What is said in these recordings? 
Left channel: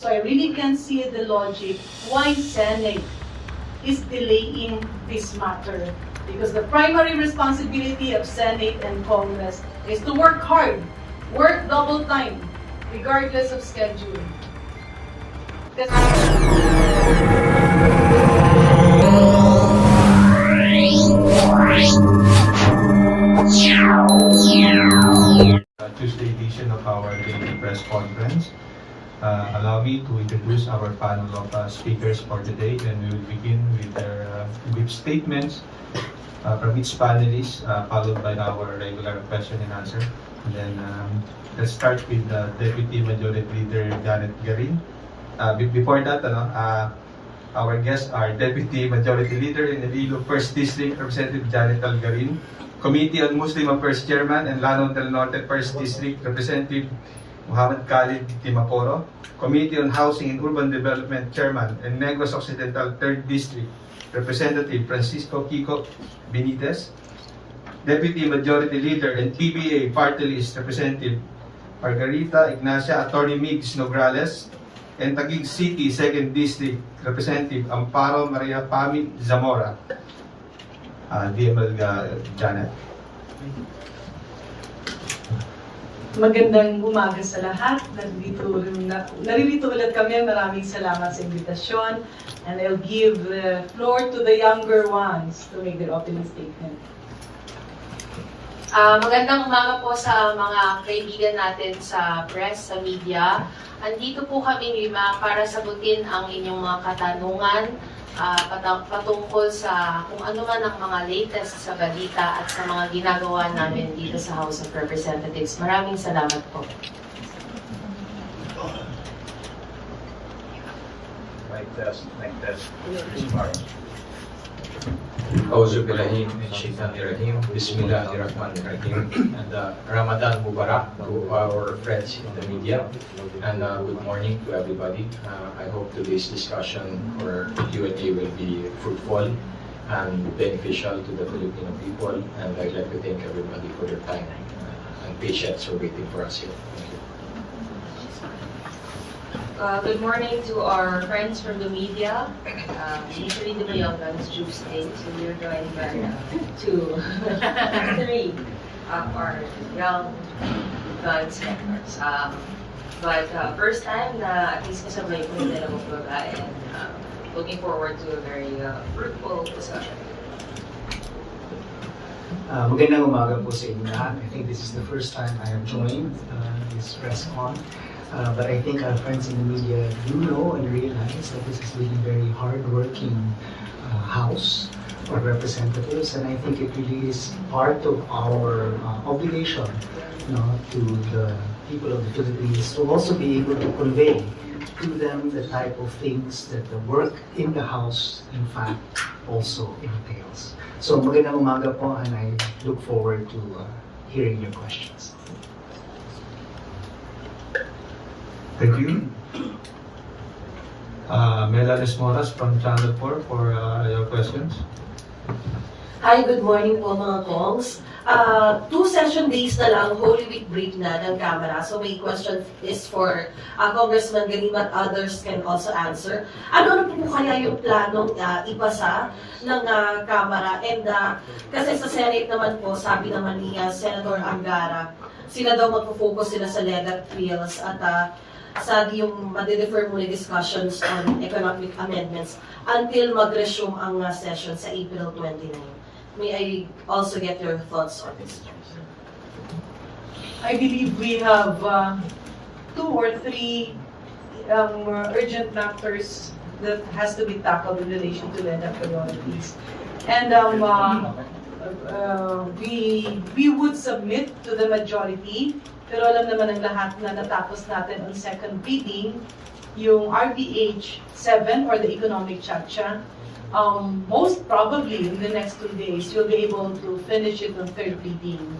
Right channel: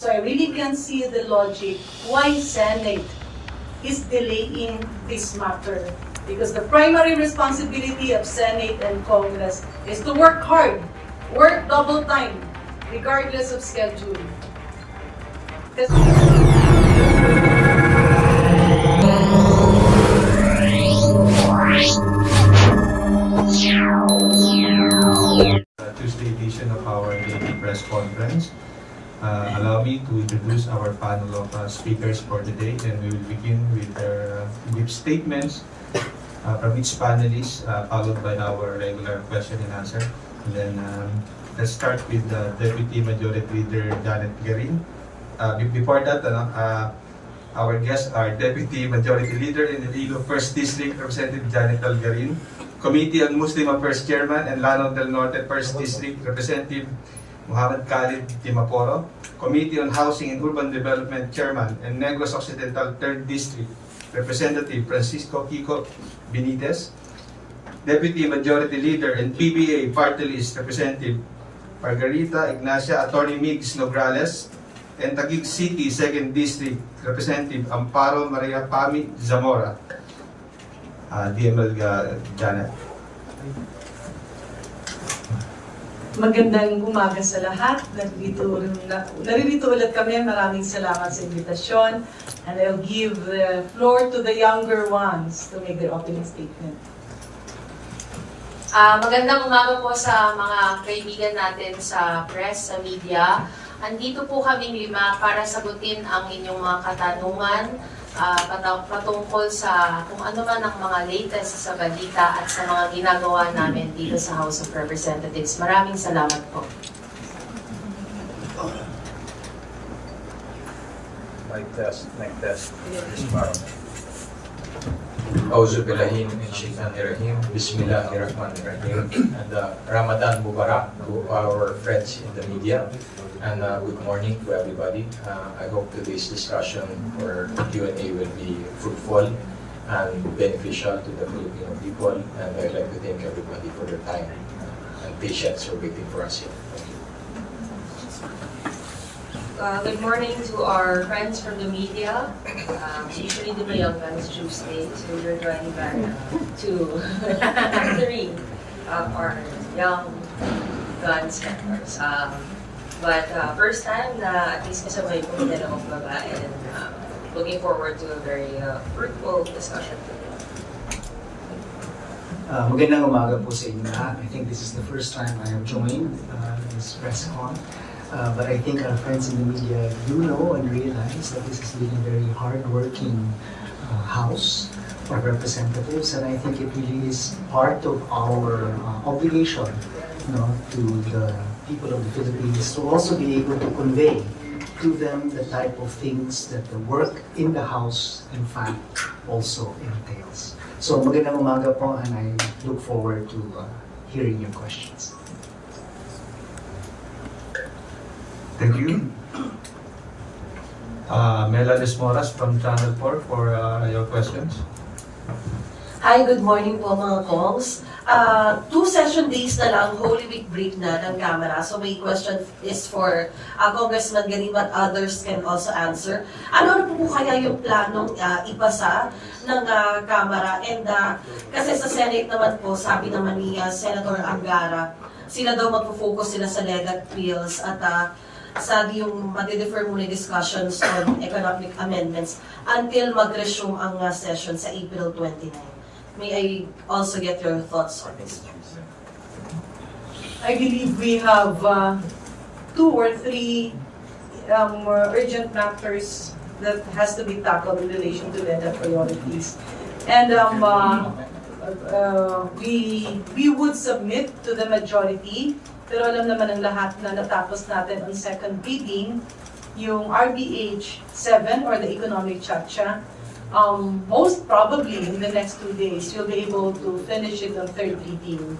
So I really can see the logic why Senate is delaying this matter. Because the primary responsibility of Senate and Congress is to work hard, work double time, regardless of schedule. Tuesday edition of our daily press conference. Allow me to introduce our panel of speakers for today, and we will begin with with statements from each panelist, followed by our regular question and answer. And then let's start with Deputy Majority Leader Janet Garin. Before that, our guests are Deputy Majority Leader in Iloilo 1st District, Representative Janet Garin, Committee on Muslim Affairs Chairman and Lanao del Norte 1st District, Representative Muhammad Khalid Timaporo, Committee on Housing and Urban Development Chairman and Negros Occidental 3rd District, Representative Francisco Kiko Benitez, Deputy Majority Leader and PBA Party List Representative Margarita Ignacia Attorney Migs Nograles, and Taguig City 2nd District Representative Amparo Maria Pami Zamora. DML Janet. Magandang umaga sa lahat. Naririto ulit kami. Maraming salamat sa invitasyon. And I'll give the floor to the younger ones to make their opening statement. Magandang umaga po sa mga kaibigan natin sa press, sa media. Andito po kaming 5 para sagutin ang inyong mga katanungan patungkol sa kung ano man ang mga latest sa balita at sa mga ginagawa namin dito sa House of Representatives. Maraming salamat po. Mic test. Auzu billahi min shaitanir rajim. Bismillahirrahmanirrahim. And Ramadan Mubarak to our friends in the media. And good morning to everybody. I hope today's discussion or Q&A will be fruitful and beneficial to the Filipino people. And I'd like to thank everybody for their time and patience for waiting for us here. Thank you. Good morning to our friends from the media. Usually the young ones choose state, so we're joining back to 3 of our young guns members. But first time na at least kasabay ko yung dalawang baga, and looking forward to a very fruitful discussion. Magandang umaga po sa inyo lahat. I think this is the first time I have joined this press con. But I think our friends in the media do know and realize that this is really very hard-working House of Representatives, and I think it really is part of our obligation, to the people of the Philippines to also be able to convey to them the type of things that the work in the House, in fact, also entails. So magandang umaga po, and I look forward to hearing your questions. Thank you. Melanie Moras from Channel 4 for your questions. Hi, good morning po mga calls. 2 session days na lang, Holy Week break na ng Kamara. So my question is for Congressman Garin, but others can also answer. Ano po kaya yung planong ipasa ng Kamara? And kasi sa Senate naman po, sabi naman ni Senator Angara, sila daw magpo-focus sila sa legal trills at sa yung madi-defer muna discussions on economic amendments until mag-resume ang session sa April 29. May I also get your thoughts on this? I believe we have 2 or 3 urgent matters that has to be tackled in relation to legal priorities. And we would submit to the majority, pero alam naman ng lahat na natapos natin on second reading yung RBH 7 or the economic chacha. Most probably in the next 2 days, you'll be able to finish it on third reading.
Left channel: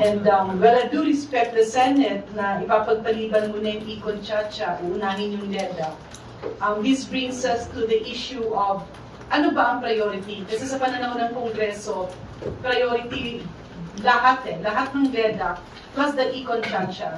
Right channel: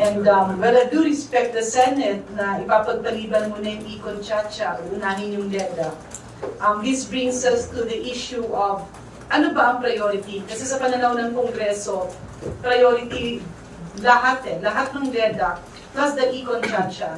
And well, I do respect the Senate na ipapagpaliban muna yung Econ Chacha, unahin yung LEDA. This brings us to the issue of ano ba ang priority? Kasi sa pananaw ng Kongreso, priority lahat ng LEDA plus the Econ Chacha.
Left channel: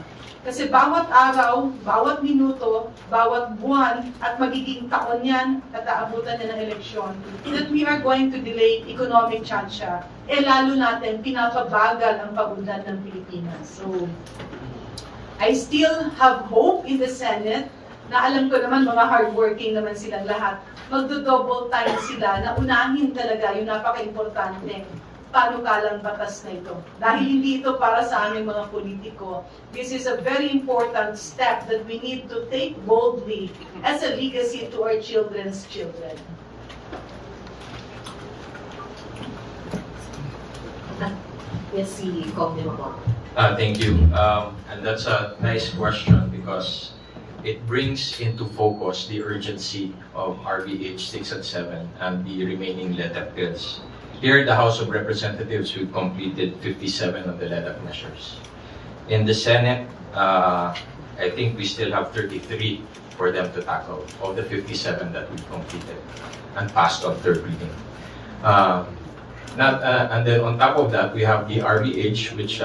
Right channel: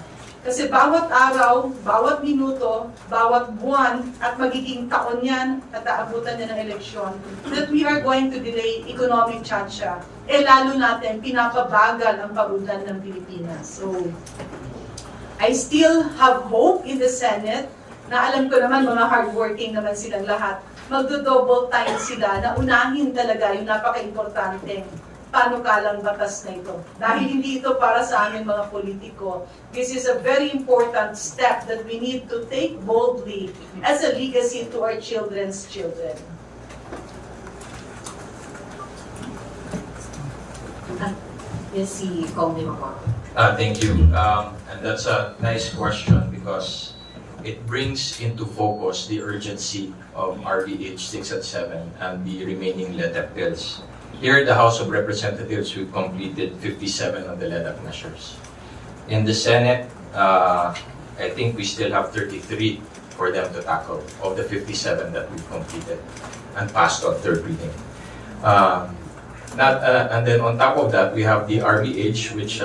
Kasi bawat araw, bawat minuto, bawat buwan, at magiging taon yan at aabutan na ng eleksyon, that we are going to delay economic chacha. Lalo natin, pinapabagal ang paundan ng Pilipinas. So, I still have hope in the Senate na alam ko naman mga hardworking naman silang lahat. Magdo-double time sila na unahin talaga yung napaka-importante panukalang batas na ito. Dahil hindi ito para sa aming mga politiko. This is a very important step that we need to take boldly as a legacy to our children's children. Yes, si Kong Mahal. Thank you. And that's a nice question because it brings into focus the urgency of RBH 6 and 7 and the remaining LETEP bills. Here in the House of Representatives, we've completed 57 of the LETEP measures. In the Senate, I think we still have 33 for them to tackle of the 57 that we've completed and passed on third reading. And then on top of that, we have the RBH, which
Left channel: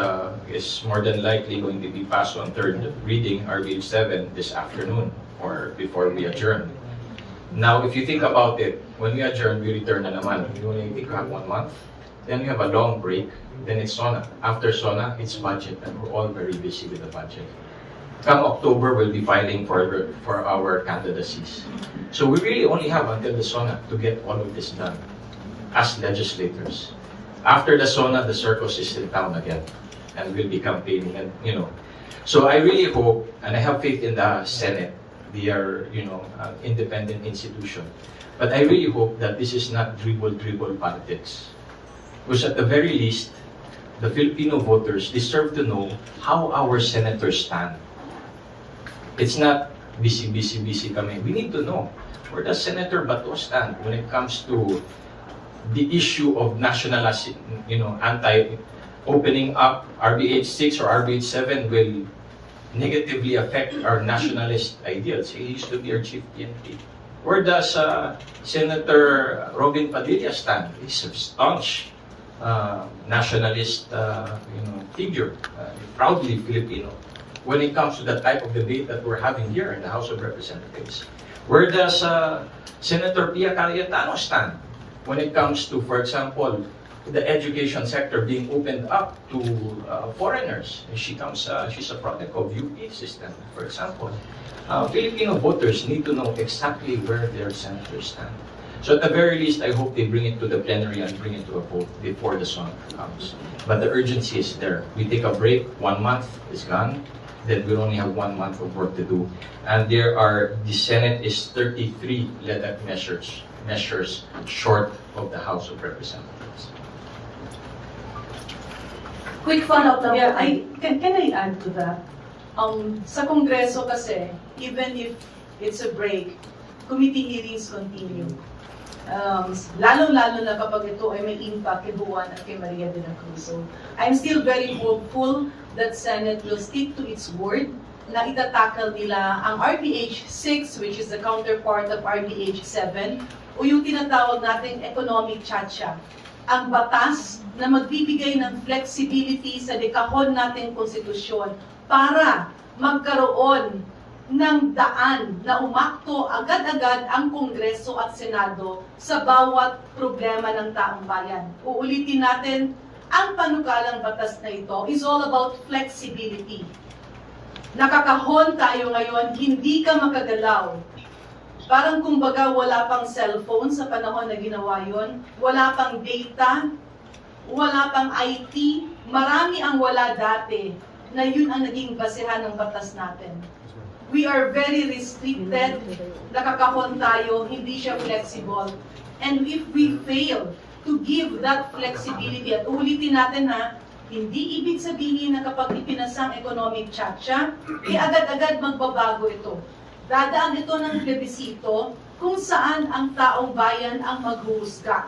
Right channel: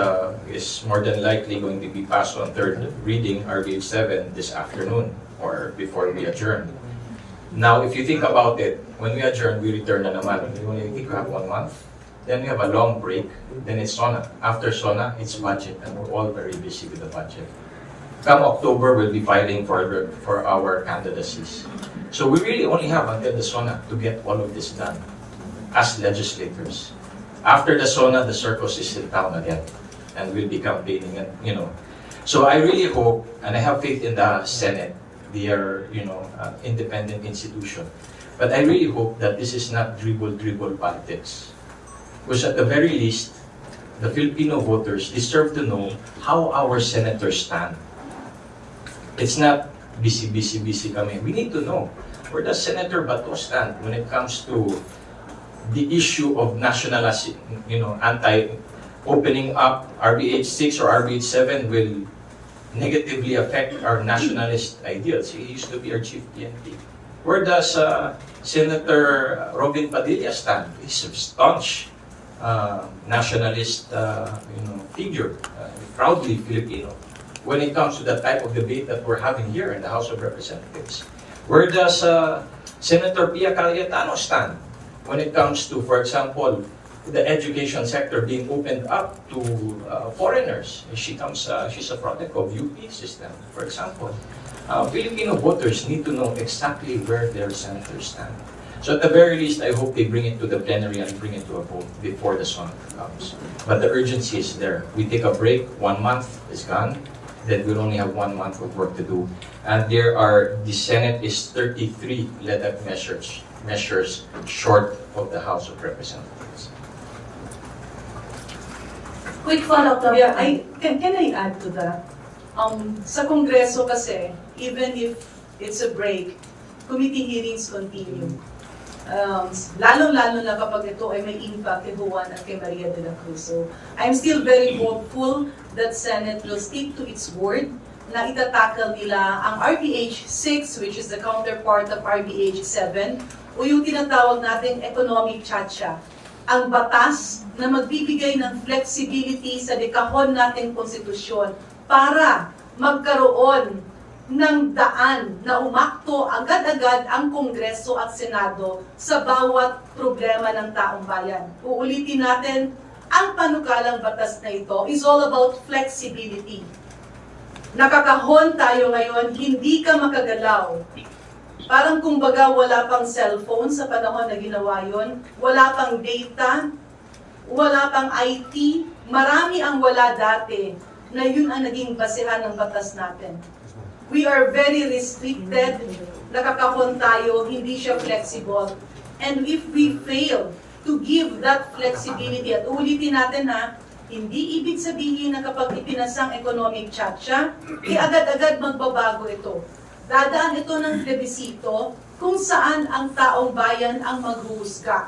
is more than likely going to be passed on third reading, RBH 7, this afternoon or before we adjourn. Now, if you think about it, when we adjourn, we return na naman. We only think we have 1 month. Then we have a long break. Then it's SONA. After SONA, it's budget, and we're all very busy with the budget. Come October, we'll be filing for our candidacies. So we really only have until the SONA to get all of this done as legislators. After the SONA, the circus is in town again, and we'll be campaigning, and So I really hope, and I have faith in the Senate. They are, an independent institution. But I really hope that this is not dribble politics. Because at the very least, the Filipino voters deserve to know how our senators stand. It's not busy kami. We need to know where does Senator Bato stand when it comes to the issue of nationalism, opening up RBH 6 or RBH 7 will negatively affect our nationalist ideals. He used to be our chief PNP. Where does Senator Robin Padilla stand? He's a staunch nationalist figure, proudly Filipino. When it comes to the type of debate that we're having here in the House of Representatives, where does Senator Pia Cayetano stand when it comes to, for example, the education sector being opened up to foreigners? She's a product of UP system, for example. Filipino voters need to know exactly where their senators stand. So at the very least, I hope they bring it to the plenary and bring it to a vote before the SONA comes. But the urgency is there. We take a break, 1 month is gone, then we'll only have 1 month of work to do. And the Senate is 33 LETEP measures short of the House of Representatives. Quick follow-up lang. Yeah, can I add to that? Sa Kongreso kasi, even if it's a break, committee hearings continue. Lalo-lalo na kapag ito ay may impact kay Juan at kay Maria de la Cruz. So, I'm still very hopeful that Senate will stick to its word na itatakal nila ang RBH 6, which is the counterpart of RBH 7, o yung tinatawag natin economic chacha. Ang batas na magbibigay ng flexibility sa dekahon nating konstitusyon para magkaroon ng daan na umakto agad-agad ang Kongreso at Senado sa bawat problema ng taong bayan. Uulitin natin, ang panukalang batas na ito is all about flexibility. Nakakahon tayo ngayon, hindi ka makagalaw. Parang kumbaga wala pang cellphone sa panahon na ginawa yun, wala pang data, wala pang IT, marami ang wala dati na yun ang naging basehan ng batas natin. We are very restricted, nakakahon tayo, hindi siya flexible. And if we fail to give that flexibility, at ulitin natin hindi ibig sabihin na kapag ipinasang economic chacha, agad-agad magbabago ito. Dadaan ito ng plebisito kung saan ang taong bayan ang maghuhusga.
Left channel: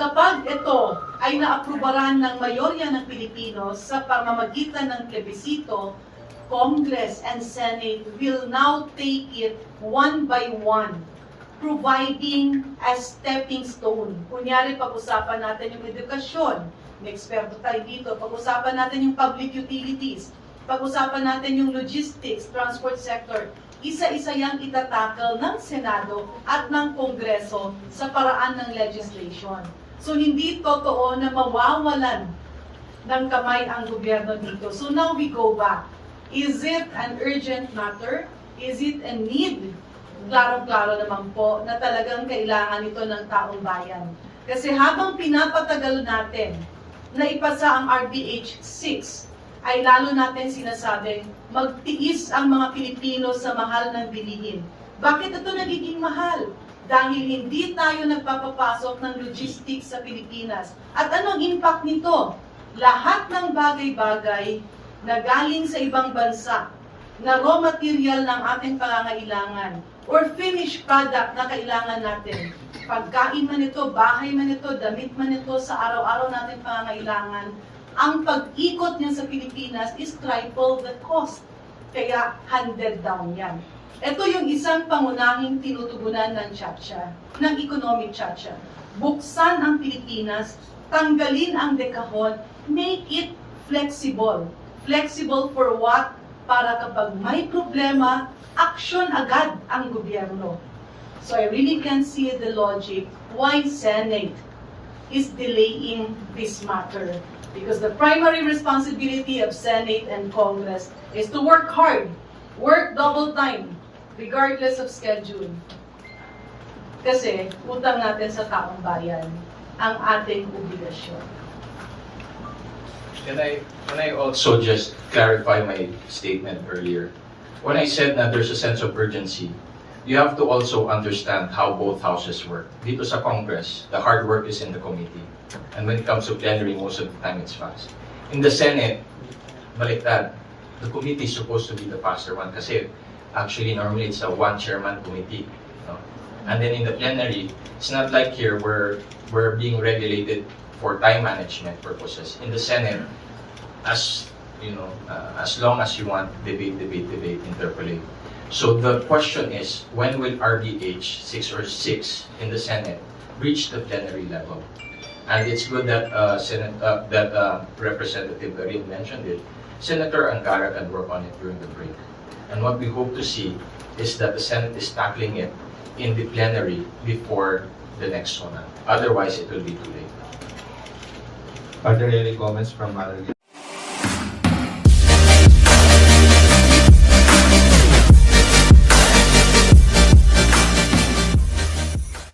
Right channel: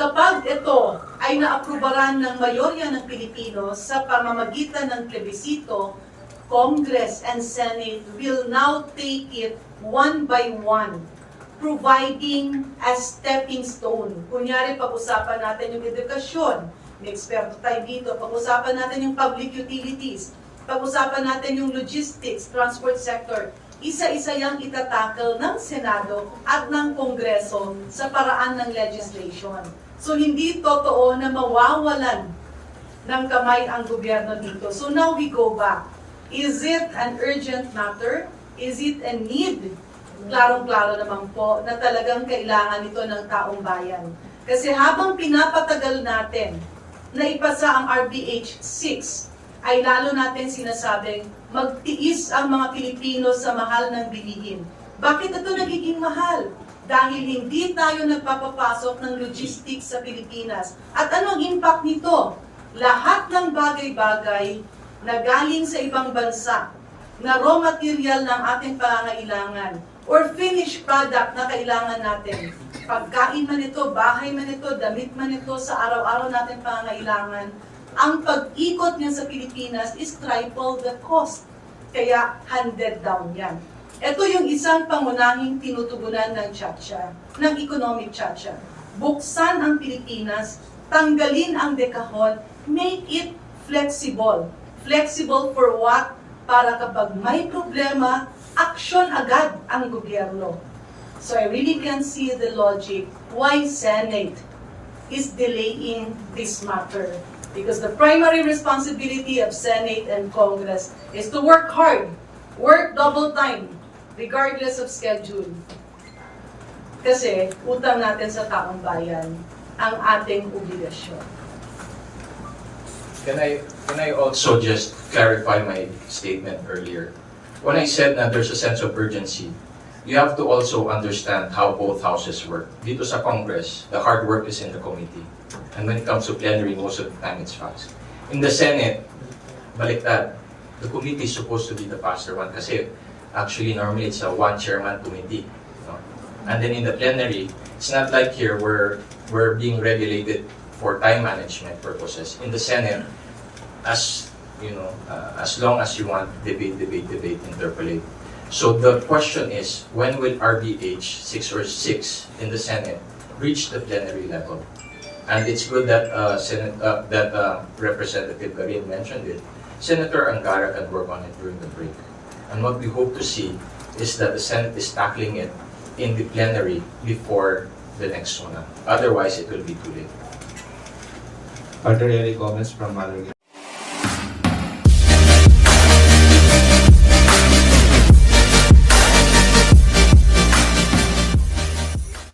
Kapag ito ay naaprubaran ng mayorya ng Pilipino sa pamamagitan ng plebisito, Congress and Senate will now take it one by one, providing a stepping stone. Kunyari, pag-usapan natin yung edukasyon, may eksperto tayo dito, pag-usapan natin yung public utilities, pag-usapan natin yung logistics, transport sector, isa-isa yang itatakal ng Senado at ng Kongreso sa paraan ng legislation. So hindi totoo na mawawalan ng kamay ang gobyerno dito. So now we go back. Is it an urgent matter? Is it a need? Klarong-klaro naman po na talagang kailangan ito ng taong bayan. Kasi habang pinapatagal natin na ipasa ang RDH 6, ay lalo natin sinasabing magtiis ang mga Pilipino sa mahal ng bilihin. Bakit ito nagiging mahal? Dahil hindi tayo nagpapapasok ng logistics sa Pilipinas. At ano ang impact nito? Lahat ng bagay-bagay na galing sa ibang bansa, na raw material ng ating pangangailangan, or finished product na kailangan natin, pagkain man ito, bahay man ito, damit man ito, sa araw-araw natin pangangailangan, ang pag-ikot niya sa Pilipinas is triple the cost. Kaya handed down yan. Ito yung isang pangunahing tinutugunan ng Chacha, ng economic Chacha. Buksan ang Pilipinas, tanggalin ang dekahon, make it flexible. Flexible for what? Para kapag may problema, action agad ang gobyerno. So I really can see the logic why Senate is delaying this matter. Because the primary responsibility of Senate and Congress is to work hard, work double time, regardless of schedule. Kasi utang natin sa taong bayan ang ating obligasyon. Can I also just clarify my statement earlier? When I said that there's a sense of urgency, you have to also understand how both houses work. Dito sa Congress, the hard work is in the committee. And when it comes to plenary, most of the time it's fast. In the Senate, baliktad. The committee is supposed to be the faster one kasi actually normally it's a one-chairman committee. No? And then in the plenary, it's not like here where we're being regulated for time management purposes. In the Senate, as you know, as long as you want, debate, interpolate. So the question is, when will RDH 6 or 6 in the Senate reach the plenary level? And it's good that Representative Garin mentioned it. Senator Angara can work on it during the break. And what we hope to see is that the Senate is tackling it in the plenary before the next one. Otherwise, it will be too late. Are there any comments from other